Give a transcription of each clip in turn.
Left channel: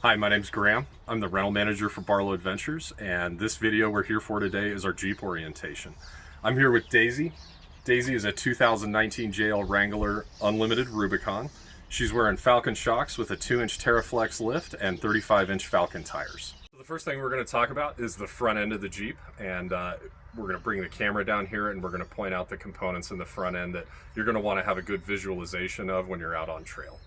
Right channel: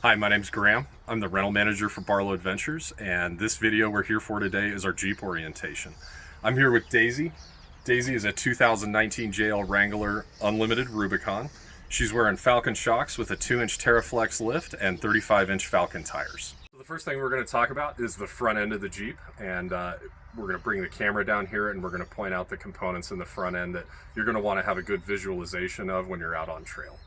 Hi, my name's Graham. I'm the rental manager for Barlow Adventures, and this video we're here for today is our Jeep orientation. I'm here with Daisy. Daisy is a 2019 JL Wrangler Unlimited Rubicon. She's wearing Falcon shocks with a 2-inch Terraflex lift and 35-inch Falcon tires. So the first thing we're going to talk about is the front end of the Jeep, and we're going to bring the camera down here and we're going to point out the components in the front end that you're going to want to have a good visualization of when you're out on trail.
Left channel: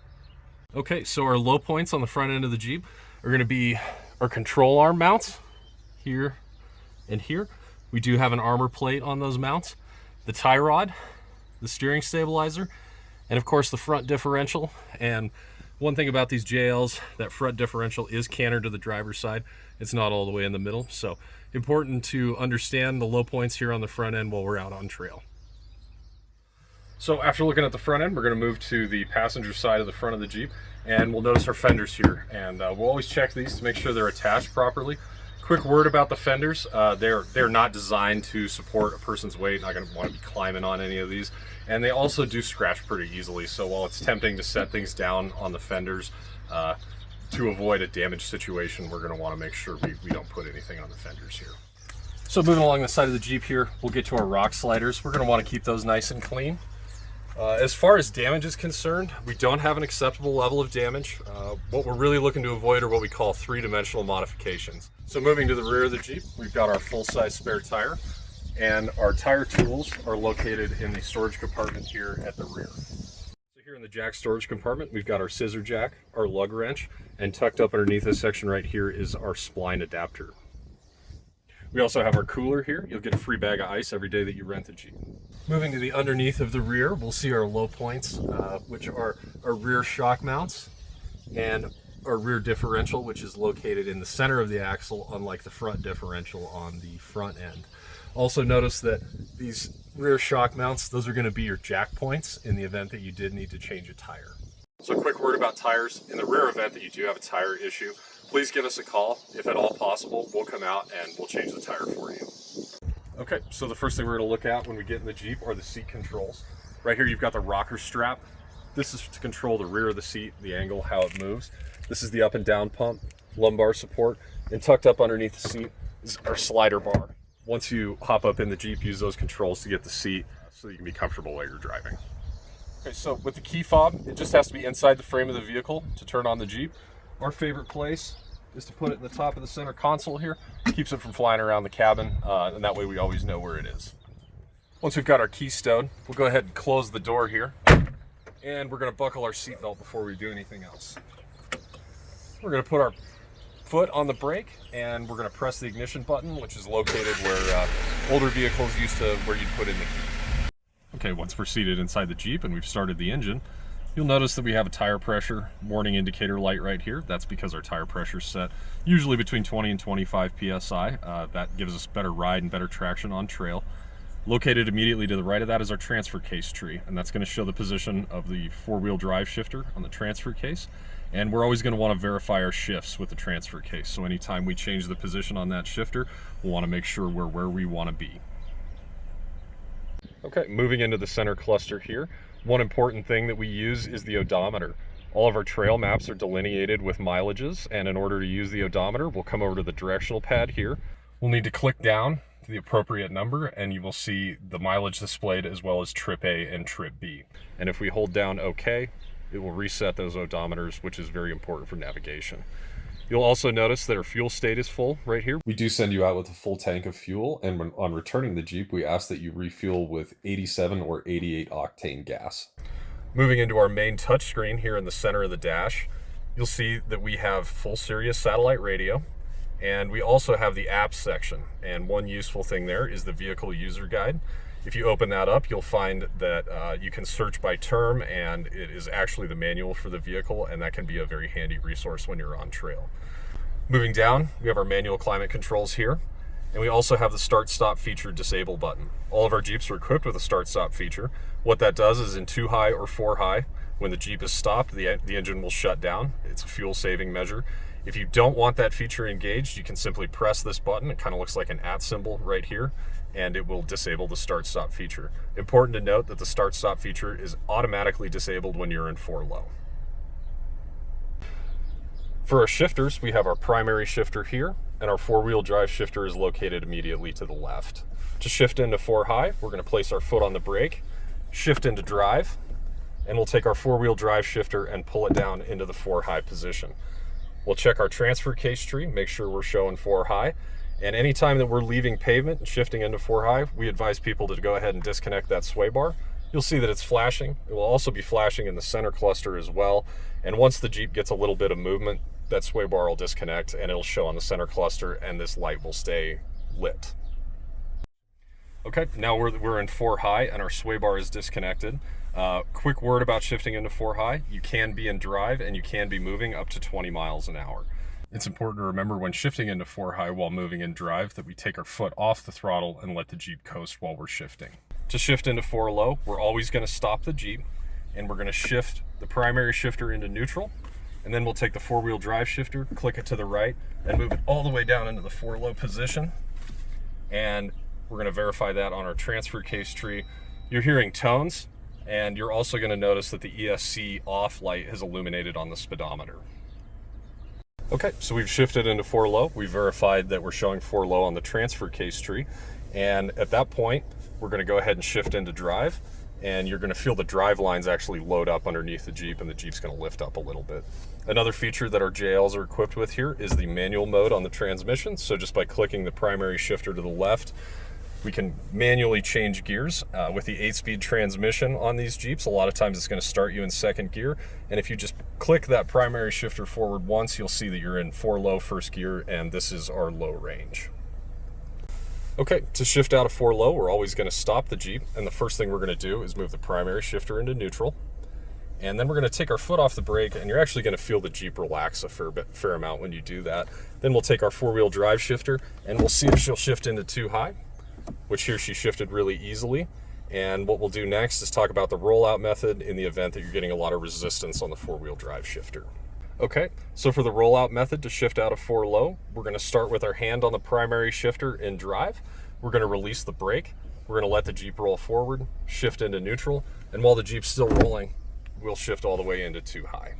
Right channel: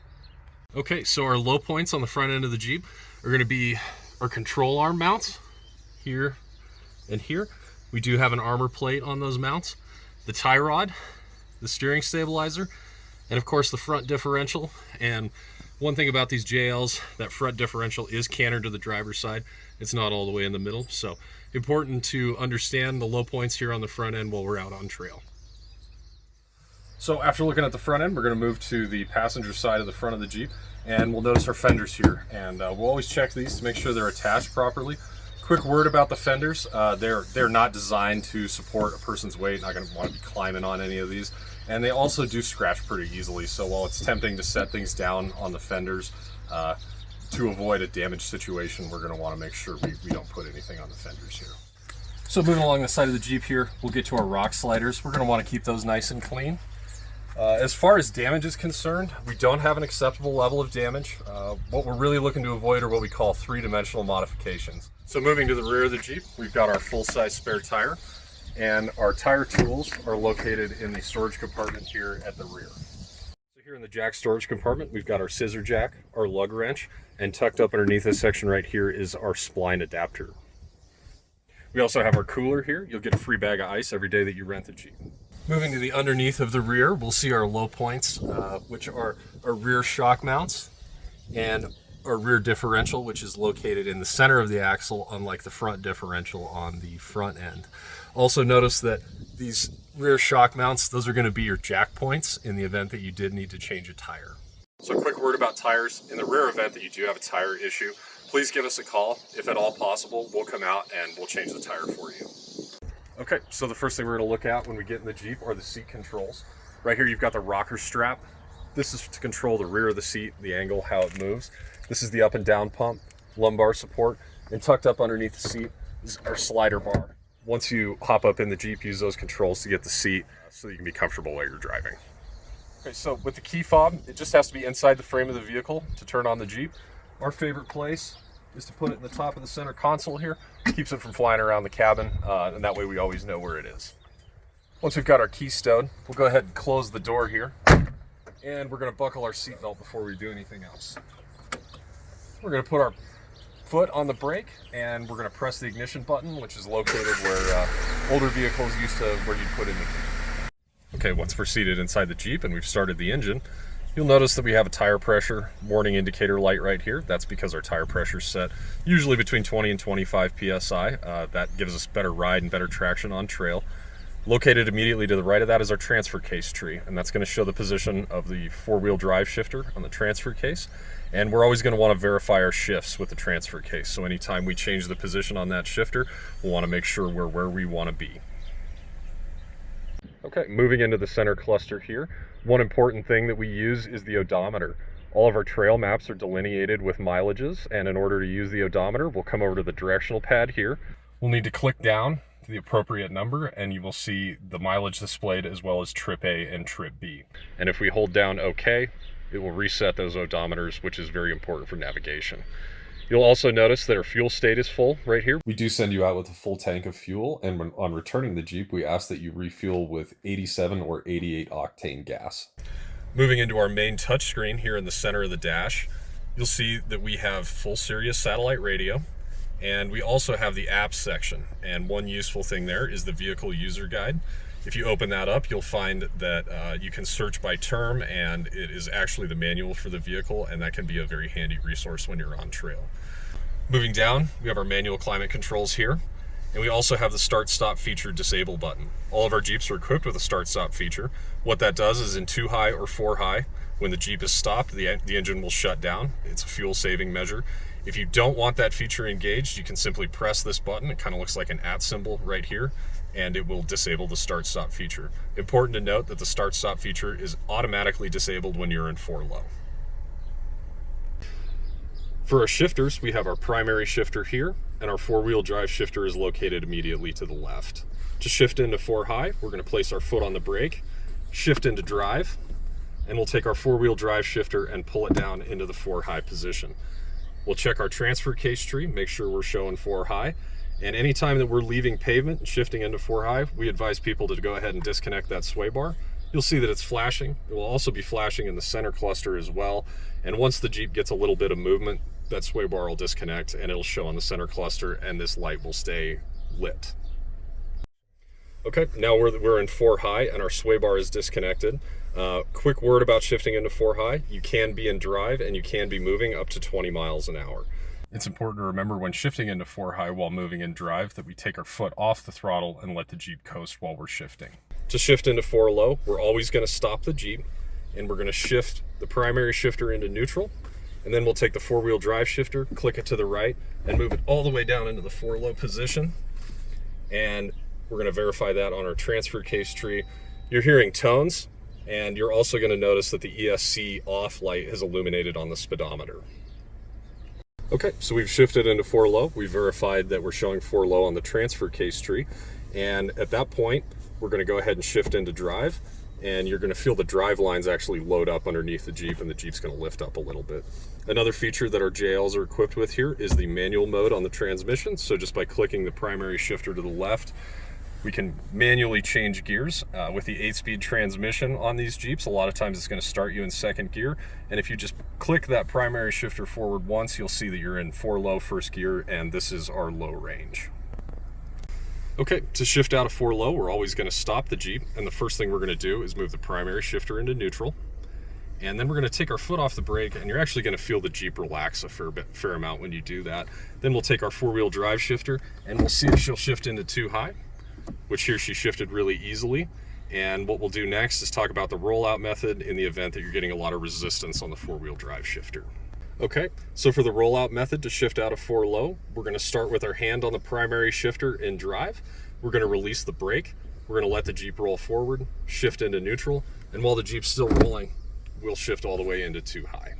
Okay, so our low points on the front end of the Jeep are going to be our control arm mounts here and here. We do have an armor plate on those mounts, the tie rod, the steering stabilizer, and of course the front differential. And one thing about these JLs, that front differential is cantered to the driver's side. It's not all the way in the middle, so important to understand the low points here on the front end while we're out on trail. So after looking at the front end, we're going to move to the passenger side of the front of the Jeep, and we'll notice our fenders here. And we'll always check these to make sure they're attached properly. Quick word about the fenders: they're not designed to support a person's weight. Not going to want to be climbing on any of these, and they also do scratch pretty easily. So while it's tempting to set things down on the fenders to avoid a damage situation, we're going to want to make sure we don't put anything on the fenders here. So moving along the side of the Jeep here, we'll get to our rock sliders. We're going to want to keep those nice and clean. As far as damage is concerned, we don't have an acceptable level of damage. What we're really looking to avoid are what we call three-dimensional modifications. So moving to the rear of the Jeep, we've got our full-size spare tire, and our tire tools are located in the storage compartment here at the rear. So here in the jack storage compartment, we've got our scissor jack, our lug wrench, and tucked up underneath this section right here is our spline adapter. We also have our cooler here. You'll get a free bag of ice every day that you rent the Jeep. Moving to the underneath of the rear, we'll see our low points, which are our rear shock mounts and our rear differential, which is located in the center of the axle, unlike the front differential on the front end. Also notice that these rear shock mounts, those are going to be your jack points in the event that you did need to change a tire. So a quick word about tires. In the rare event that you do have a tire issue, please give us a call. If at all possible, we'll come out and we'll change the tire for you. Okay, so the first thing we're going to look at when we get in the Jeep are the seat controls. Right here you've got the rocker strap. This is to control the rear of the seat, the angle, how it moves. This is the up and down pump, lumbar support, and tucked up underneath the seat is our slider bar. Once you hop up in the Jeep, use those controls to get the seat so you can be comfortable while you're driving. Okay, so with the key fob, it just has to be inside the frame of the vehicle to turn on the Jeep. Our favorite place is to put it in the top of the center console here. Keeps it from flying around the cabin, and that way we always know where it is. Once we've got our key stowed, we'll go ahead and close the door here, and we're going to buckle our seatbelt before we do anything else. We're going to put our foot on the brake, and we're going to press the ignition button, which is located where older vehicles used to, where you'd put in the key. Okay, once we're seated inside the Jeep and we've started the engine, you'll notice that we have a tire pressure warning indicator light right here. That's because our tire pressure is set usually between 20 and 25 psi. That gives us better ride and better traction on trail. Located immediately to the right of that is our transfer case tree, and that's going to show the position of the four-wheel drive shifter on the transfer case. And we're always going to want to verify our shifts with the transfer case. So anytime we change the position on that shifter, we'll want to make sure we're where we want to be. Okay, moving into the center cluster here, one important thing that we use is the odometer. All of our trail maps are delineated with mileages, and in order to use the odometer, we'll come over to the directional pad here. We'll need to click down to the appropriate number, and you will see the mileage displayed as well as trip A and trip B. And if we hold down OK, it will reset those odometers, which is very important for navigation. You'll also notice that our fuel state is full right here. We do send you out with a full tank of fuel, and when on returning the Jeep, we ask that you refuel with 87 or 88 octane gas. Moving into our main touchscreen here in the center of the dash, you'll see that we have full Sirius satellite radio, and we also have the apps section. And one useful thing there is the vehicle user guide. If you open that up, you'll find that you can search by term, and it is actually the manual for the vehicle, and that can be a very handy resource when you're on trail. Moving down, we have our manual climate controls here, and we also have the start-stop feature disable button. All of our Jeeps are equipped with a start-stop feature. What that does is in 2 high or 4 high, when the Jeep is stopped, the engine will shut down. It's a fuel-saving measure. If you don't want that feature engaged, you can simply press this button. It kind of looks like an @ symbol right here, and it will disable the start-stop feature. Important to note that the start-stop feature is automatically disabled when you're in 4 low. For our shifters, we have our primary shifter here, and our four-wheel drive shifter is located immediately to the left. To shift into 4 high, we're going to place our foot on the brake, shift into drive, and we'll take our four-wheel drive shifter and pull it down into the 4 high position. We'll check our transfer case tree, make sure we're showing 4 high, and anytime that we're leaving pavement and shifting into 4 high, we advise people to go ahead and disconnect that sway bar. You'll see that it's flashing. It will also be flashing in the center cluster as well, and once the Jeep gets a little bit of movement, that sway bar will disconnect and it'll show on the center cluster, and this light will stay lit. Okay, now we're in 4 high and our sway bar is disconnected. Quick word about shifting into 4 high. You can be in drive and you can be moving up to 20 miles an hour. It's important to remember when shifting into 4 high while moving in drive that we take our foot off the throttle and let the Jeep coast while we're shifting. To shift into 4 low, we're always going to stop the Jeep and we're going to shift the primary shifter into neutral, and then we'll take the four-wheel drive shifter, click it to the right, and move it all the way down into the 4 low position. And we're going to verify that on our transfer case tree. You're hearing tones, and you're also going to notice that the ESC off light is illuminated on the speedometer. Okay, so we've shifted into 4 low. We verified that we're showing 4 low on the transfer case tree, and at that point, we're going to go ahead and shift into drive, and you're going to feel the drive lines actually load up underneath the Jeep, and the Jeep's going to lift up a little bit. Another feature that our JLs are equipped with here is the manual mode on the transmission. So just by clicking the primary shifter to the left, we can manually change gears. With the 8-speed transmission on these Jeeps, a lot of times it's going to start you in 2nd gear, and if you just click that primary shifter forward once, you'll see that you're in 4 low 1st gear, and this is our low range. Okay, to shift out of 4 low, we're always going to stop the Jeep, and the first thing we're going to do is move the primary shifter into neutral, and then we're going to take our foot off the brake, and you're actually going to feel the Jeep relax a fair amount when you do that. Then we'll take our four-wheel drive shifter, and we'll see if she'll shift into 2 high, which here she shifted really easily. And what we'll do next is talk about the rollout method in the event that you're getting a lot of resistance on the four-wheel drive shifter. Okay, so for the rollout method to shift out of 4 low, we're going to start with our hand on the primary shifter in drive. We're going to release the brake. We're going to let the Jeep roll forward, shift into neutral, and while the Jeep's still rolling, we'll shift all the way into 2 high.